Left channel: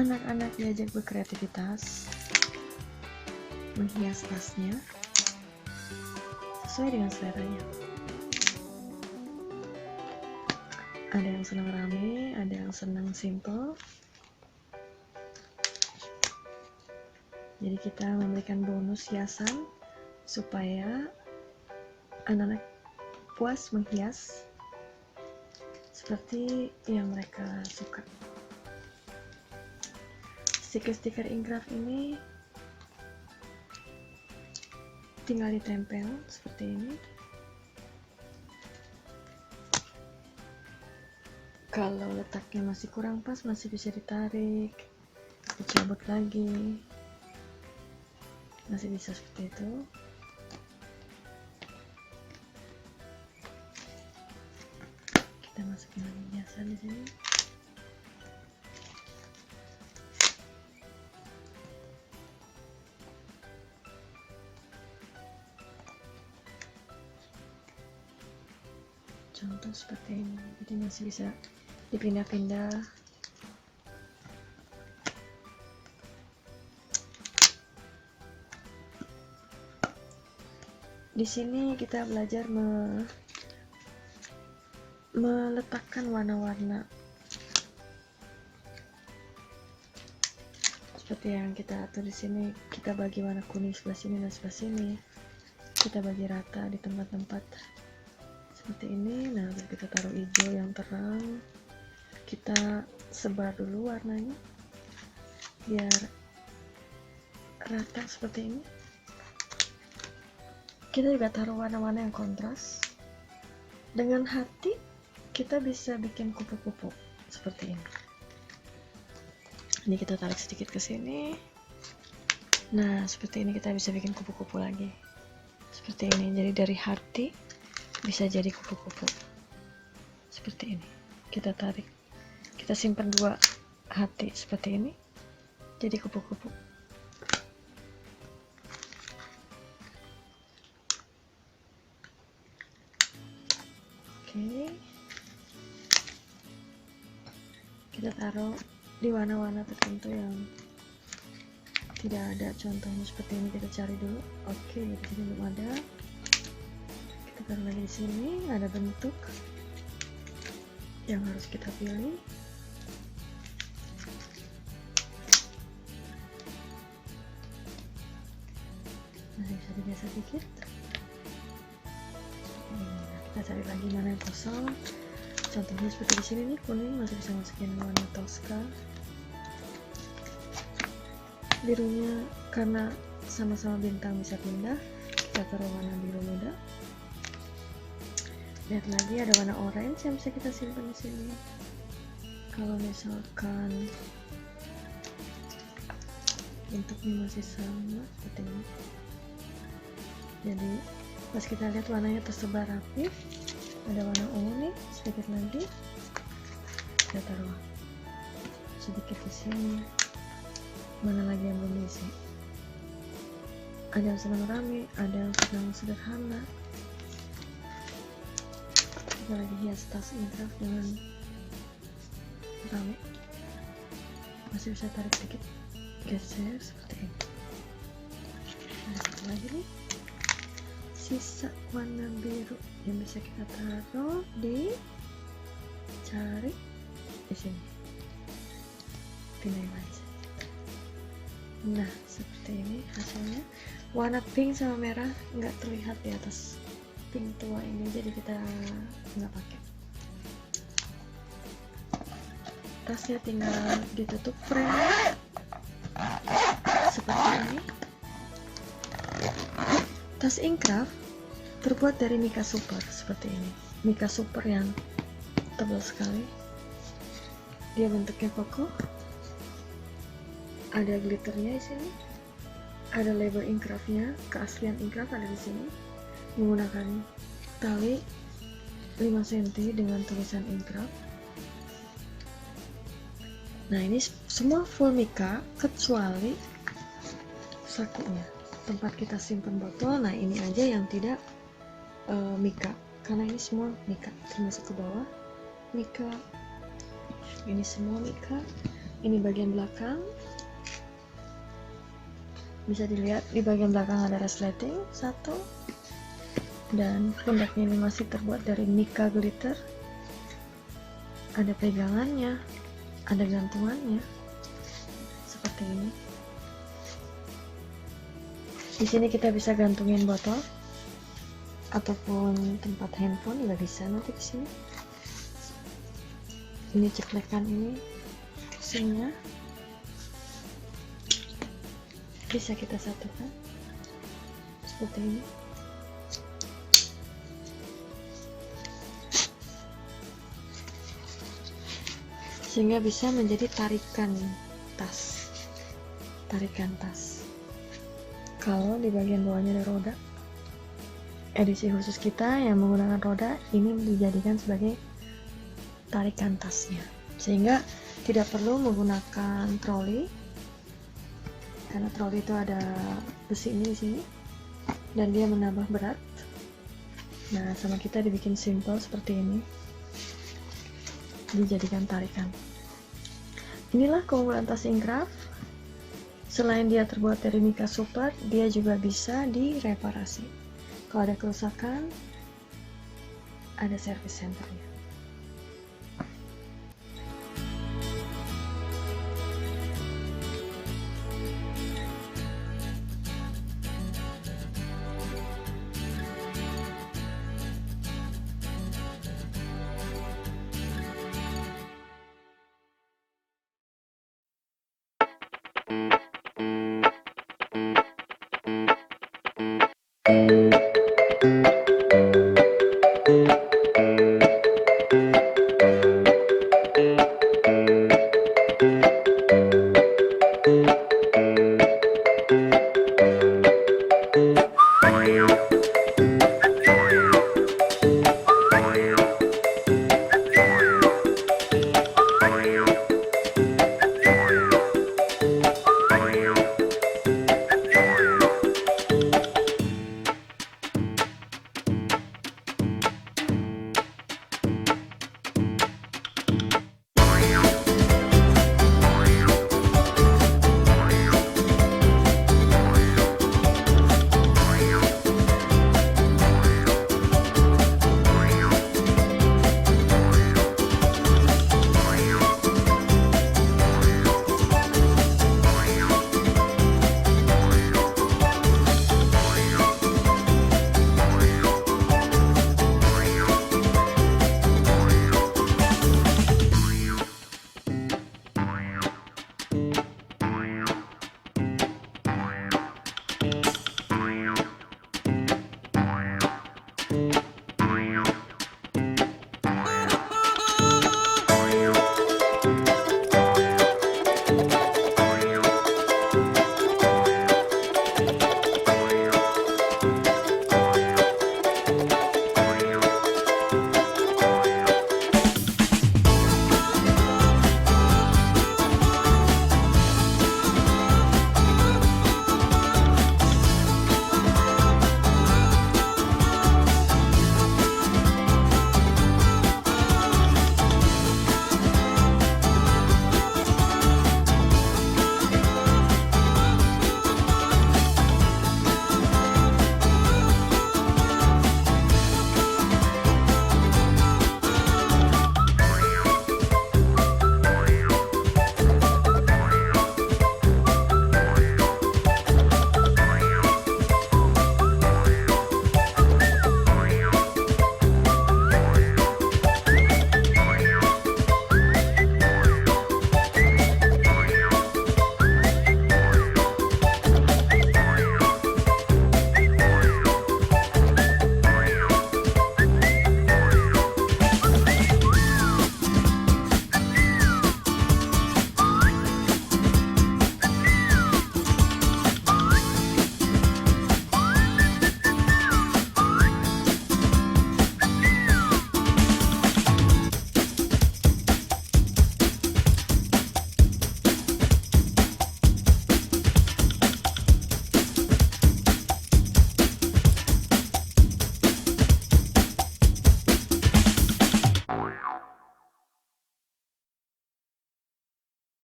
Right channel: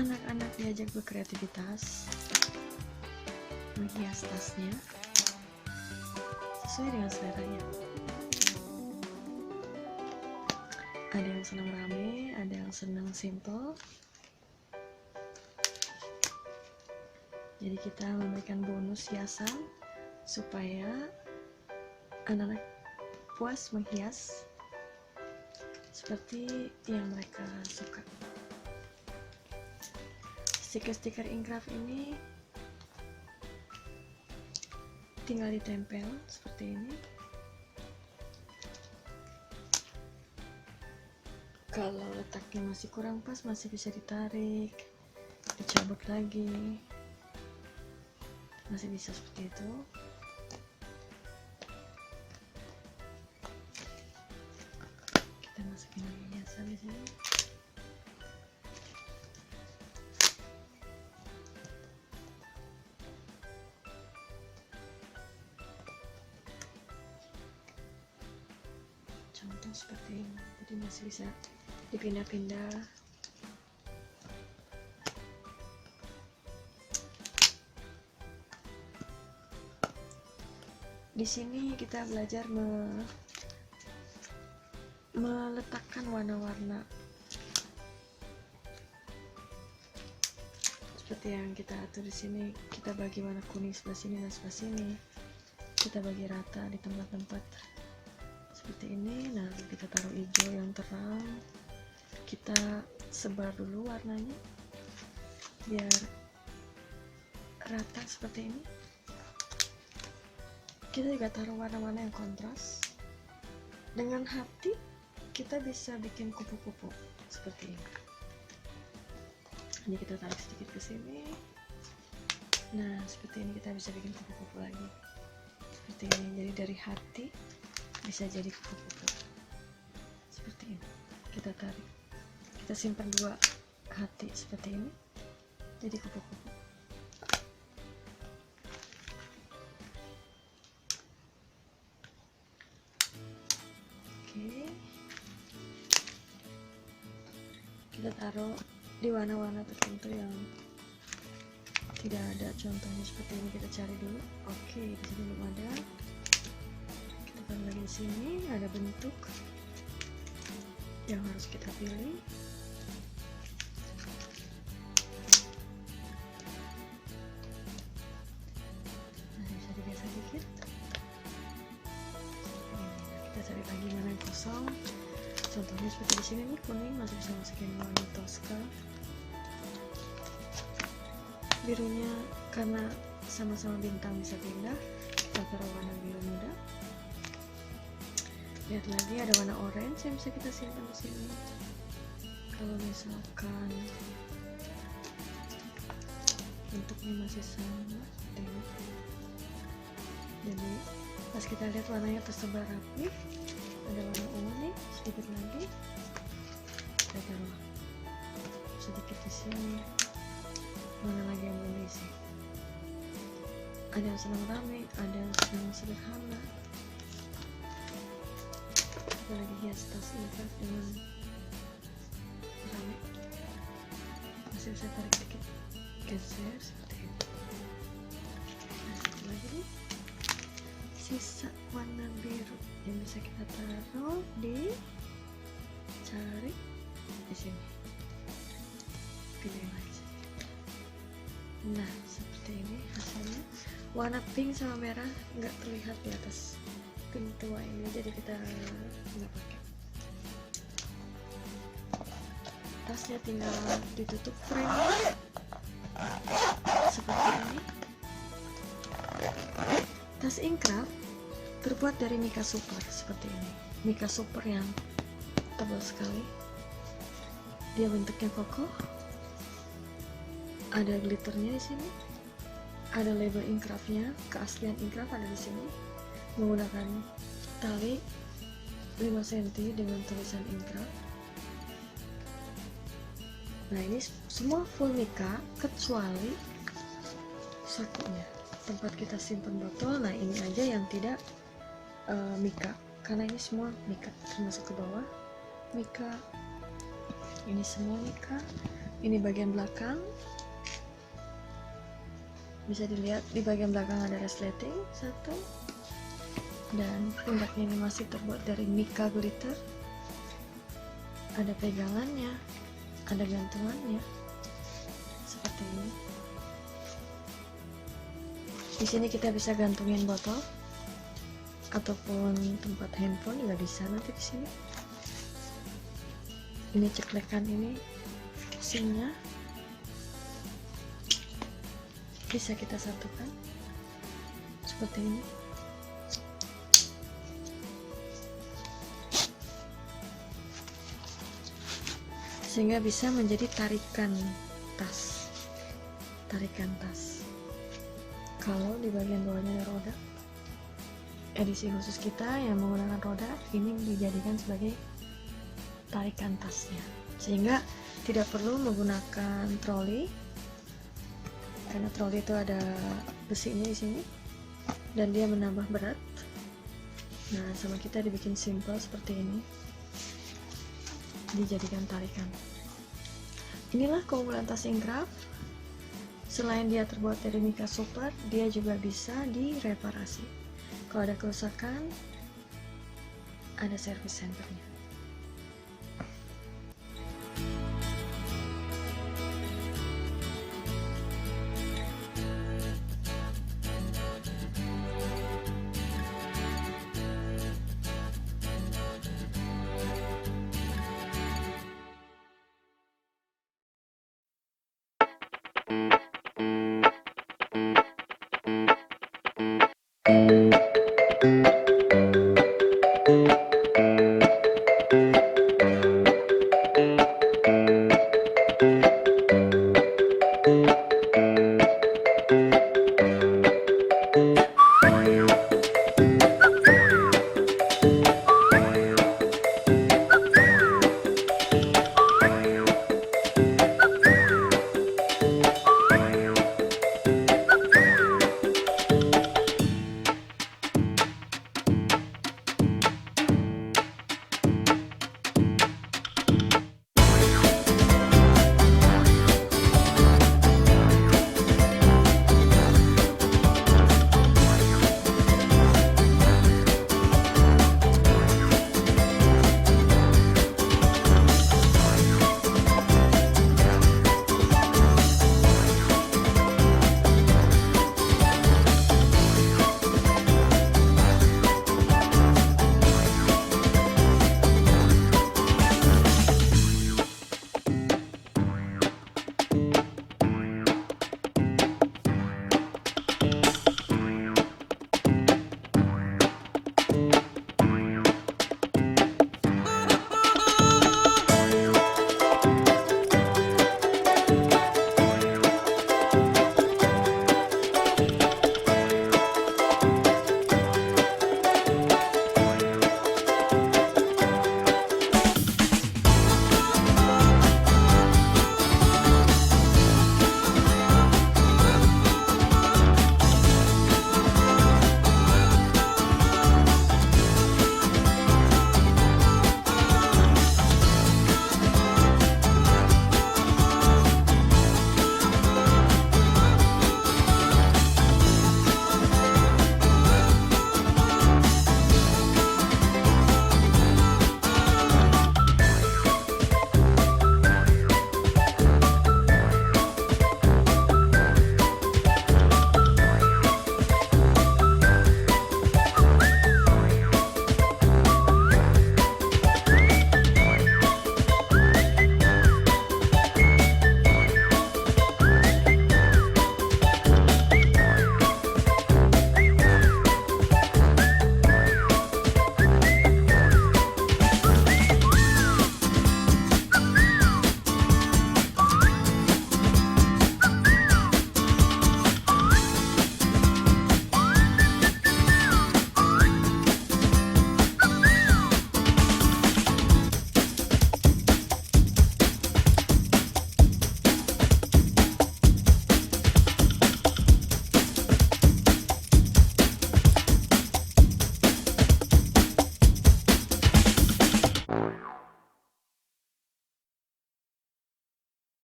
Anak-anak diajak berkreativitas menghias tasnya sesuai dengan seleranya. Ada yang senang rame, ada yang senang simple. Jadi kita memberikan bonus hiasan supaya anak-anak puas menghias seperti yang mereka suka. Stiker-stiker Inkraf ini tinggal ditempel seperti ini. Kalau letaknya masih kurang pas, masih bisa ditarik, cabut lagi, masih bisa seperti itu. Kita masukin hiasan di sini. Contoh seperti ini, jadi masih bisa dipindah-pindah. Di sini kita belajar meletakkan warna-warna seperti yang kita atur di sini. Kita bagi warna kuning sebelah sini dan sebelah sini. Kita bagi rata di tempat-tempat seperti ini. Nah, kita taruh hijau yang terang. Kita sebar dulu warnanya biar rata seperti ini. Kita juga taruh warna-warna yang kontras. Dengan hati kita bisa bikin kupu-kupu seperti ini. Ini kita tarik sedikit ke sini. Nah, seperti ini kita bisa bikin kupu-kupu lagi. Seperti ini. Jadi dari hati bisa jadi kupu-kupu. Seperti ini. Kita tarik. Kita simpan dua hati seperti ini. Jadi kupu-kupu. Oke. Kita taruh di warna-warna tertentu yang tidak ada contohnya seperti ini. Kita cari dulu. Oke, itu belum ada. Kita taruh lagi di sini. Ada bentuk yang harus kita pilih. Kita cari lagi mana yang kosong. Contohnya seperti di sini nih, kuning masih bisa masukin warna Tosca. Birunya karena sama-sama bintang bisa pindah, kita taruh warna biru muda. Lihat lagi ada warna orange yang bisa kita simpan di sini. Kalau misalkan bentuknya masih sama seperti ini. Jadi pas kita lihat warnanya tersebar rapi, ada warna ungu nih sedikit nanti. Kita taruh sedikit di sini. Mana lagi yang belum diisi? Ada yang sedang rame, ada yang sedang sederhana. Lagi hias tas Inkraf dengan rame. Masih bisa tarik sedikit, geser seperti ini. Lagi nih, sisa warna biru yang bisa kita taruh di cari di sini. Pilih lagi. Nah, seperti ini hasilnya. Warna pink sama merah nggak terlihat di atas pink tua ini, jadi kita nggak pakai. Tasnya tinggal ditutup frame seperti ini. Tas Inkraf terbuat dari Mika Super seperti ini. Mika Super yang tebal sekali. Dia bentuknya kokoh. Ada glitternya di sini. Ada label Inkrafnya, keaslian Inkraf ada di sini. Menggunakan tali 5 cm dengan tulisan Inkraf. Nah, ini semua full Mika kecuali sakunya, tempat kita simpan botol. Nah, ini aja yang tidak Mika, karena ini semua Mika. Termasuk ke bawah Mika, ini semua Mika, Ini bagian belakang. Bisa dilihat di bagian belakang ada resleting satu, dan pundaknya ini masih terbuat dari mica glitter. Ada pegangannya, ada gantungannya seperti ini. Di sini kita bisa gantungin botol ataupun tempat handphone juga bisa nanti di sini. Ini ceklekan ini pusingnya bisa kita satukan seperti ini. Sehingga bisa menjadi tarikan tas. Kalau di bagian bawahnya ada roda, edisi khusus kita yang menggunakan roda ini dijadikan sebagai tarikan tasnya, sehingga tidak perlu menggunakan troli, karena troli itu ada besi ini di sini dan dia menambah berat. Nah, sama kita dibikin simple seperti ini, dijadikan tarikan. Inilah keunggulan tas Incraft. Selain dia terbuat dari mica super, dia juga bisa direparasi. Kalau ada kerusakan, ada service center.